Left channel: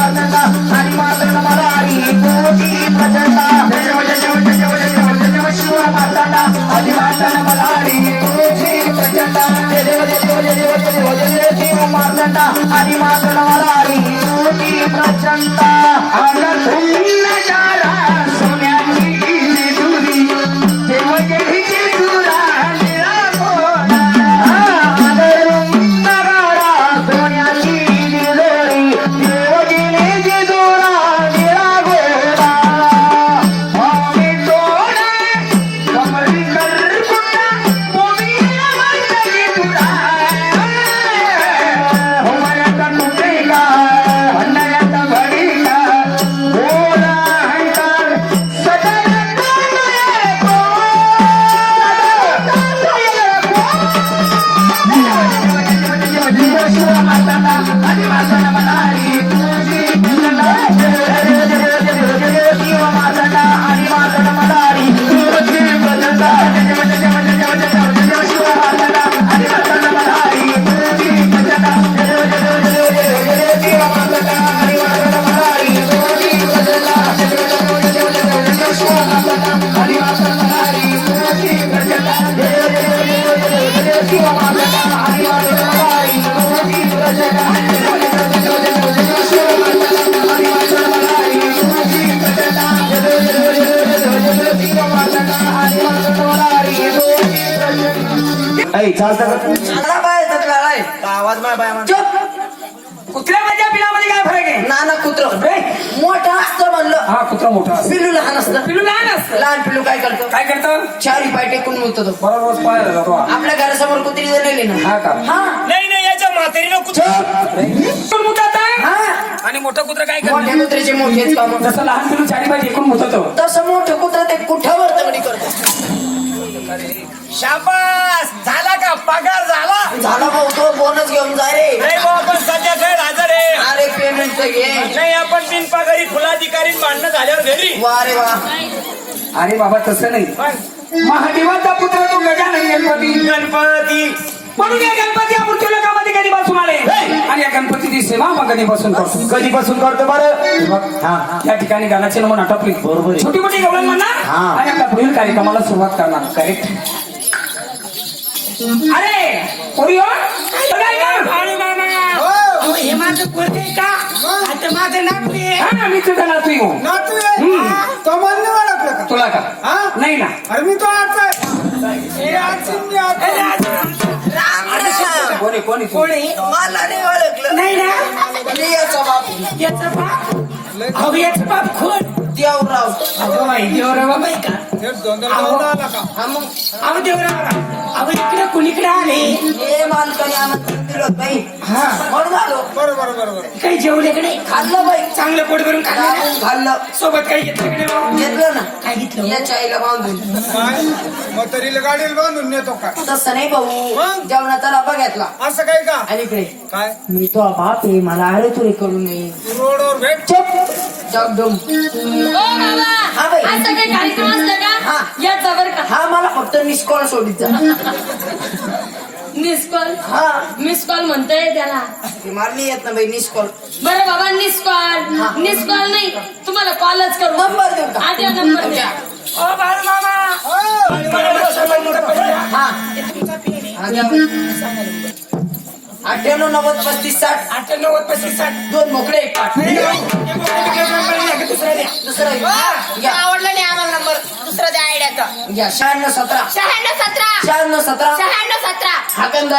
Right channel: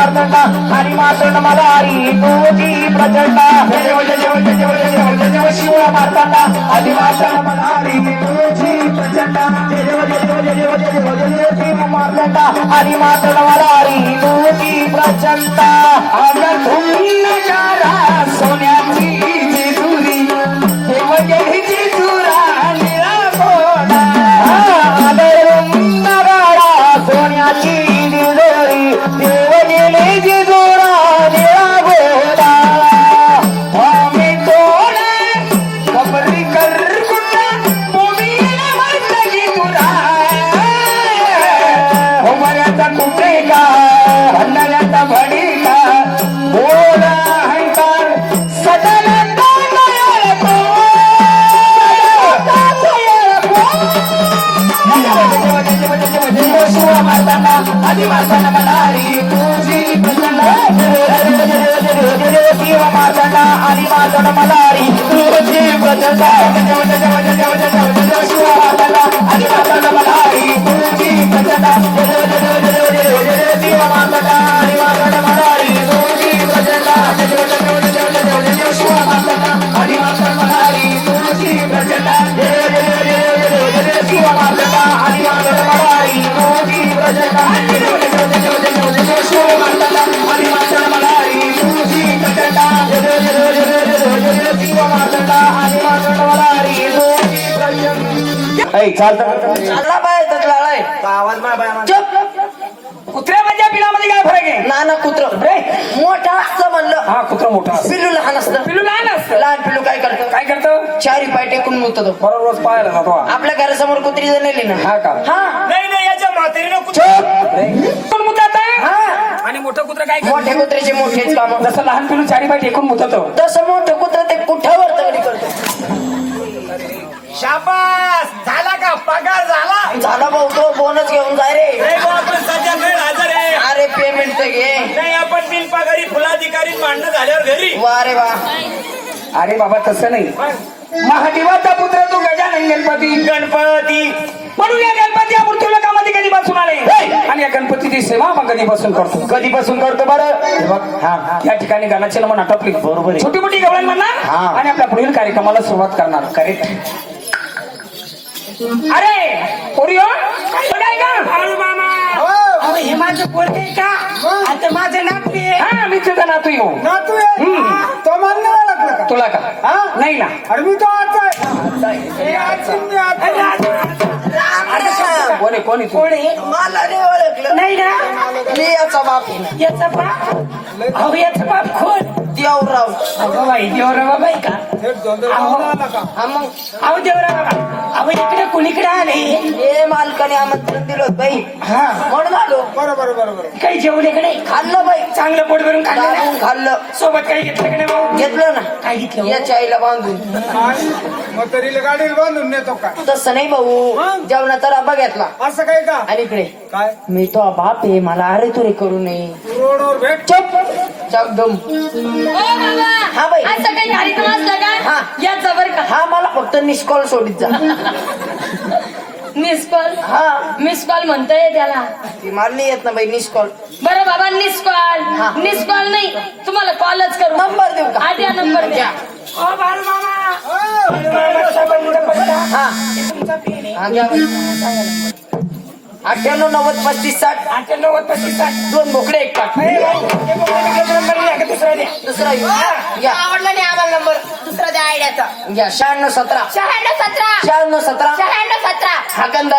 మార్గండ హరిమాసుల మదారి కోటి ప్రజండ चांगला पाय तकलाय आवाज माय बाय चुप. कुत्र्यामध्ये पिलामध्ये काय फरक आहे? नाना कुत्र. मोठा असतं म्हणलं. हा कुत्रा मोठा असतो. पिल्लू लहान असतं. पिलू लहान असतं? लहान पिल्लू काय करतो? काय करतो? चारी पाय टेकून मुततो तो. बरोबर रोज पाहायला जातो. आपल्या घरासमोर कुत्री जर नेली ना. हा का? हा. नाही नाही याच्या म्हातारीनं कुठे मुतात हा. आणि मोठं कुत्र काय करतो? मोठे कुत्र्याचे काम जसं लहान पिलू चारी पाय टेकून मुततो तसं मोठं कुत्र ते कुठ्यावर तगडी करतो? शाबास! भाऊ बोनस घेऊन जा रे. नाही बा आपण सध्या काही हजर आहे. अरे पेमेंट तर घे. नाही आपण बिन पगारी फुलाधिकारी भांडणं झाल्यावर घरी. वा रे वा. अरे बाबा तसं नाही. मग महादेवाचा पुत्र तू गजानन गणपती. गणपती. म्हणून या गणपती आपण तुला कधी बसून आले? आणि या गणपतीची सेवा मग कधीपासून करतो? कधीपासून करतो बरं? हा या ठिकाणी गाण्याचे नमून आटपली. बरोबर छोटी मोठी गवळण म्हणणार? हा. आणि आपल्या पुढील कार्यक्रमाला सुरुवात करणार. करेक्ट अरे पोरी हो? मामा. अहो, हे माझं बोलते का? आता माझं नाव आहे? हा मी तुझा नातू येऊ नातू आहे? हम्म. तो मला नाही ओळखलं का? तुला का? हा? नाही ना. अरे मी तो आता आहे. हे आज मी आता अरे, आज- अरे कोणी कोणी तू? कोणी? मला नाही ओळखलं. नाही ना? मी याचा बाप आहे. याचा बाप? अहो याचा बाप खोट देवराव. बाई का? हे आला का? हा मग? अहो देवरा बाबा इकडे कुणीकडे आले? हे मालकाने आमंत्रण दिलं बाई. हा. म्हणून आलो बरं बरं बरं बरं. काही जेवले का नाही? खाल्लं बाई. चांगलं पोट भरून खाल्लं ना? खाल्लं. सोबत काही घेतलं का नाही भाऊ? घेतलं ना. काय घेतलं या भाऊ? चाईला बांधून. काय? मग तरीला गाडीला बांधून नेतो का? तसं नाही भाऊ. मग? जेवणाचा डबा घेतला. असं काय का? आणि इकडे. काय? मी तो बाप आहे मला अरे तुरे करू नये. रोडवर भेट. चुप. जगदम ओ बाबा हा बाई. हा. का? या जबर का. हा मला फक्त निष्कॉल सोडित जा. मिस कॉल हा. मिस कॉल म्हणताय त्याला. ती मारली येत ना बाई निष्कॉल बरं बाबा मिस कॉल हा. मिस कॉल नाही तुम्हाला कॉलच करू. नंबर देऊ का? आधी नंबर द्या. ओ बाळू मामा. हा हे. तुमचा पेन आहे. हा, द्या. अठ्ठ्याण्णव नव्वद पस्तीस साठ. आठ नव्वद पस्तीस साठ. दोन मोकळे एक पाठ. दुसरा द्या दुसरा घ्या. आवडला नाही आम्हाला नंबर. दुसरा द्या आयडियाचा. घ्या. शहाण्णव सतरा. शहाण्णव सतरा. शहाण्णव सतरा. शहाण्णव सतरा. हाकंदारी.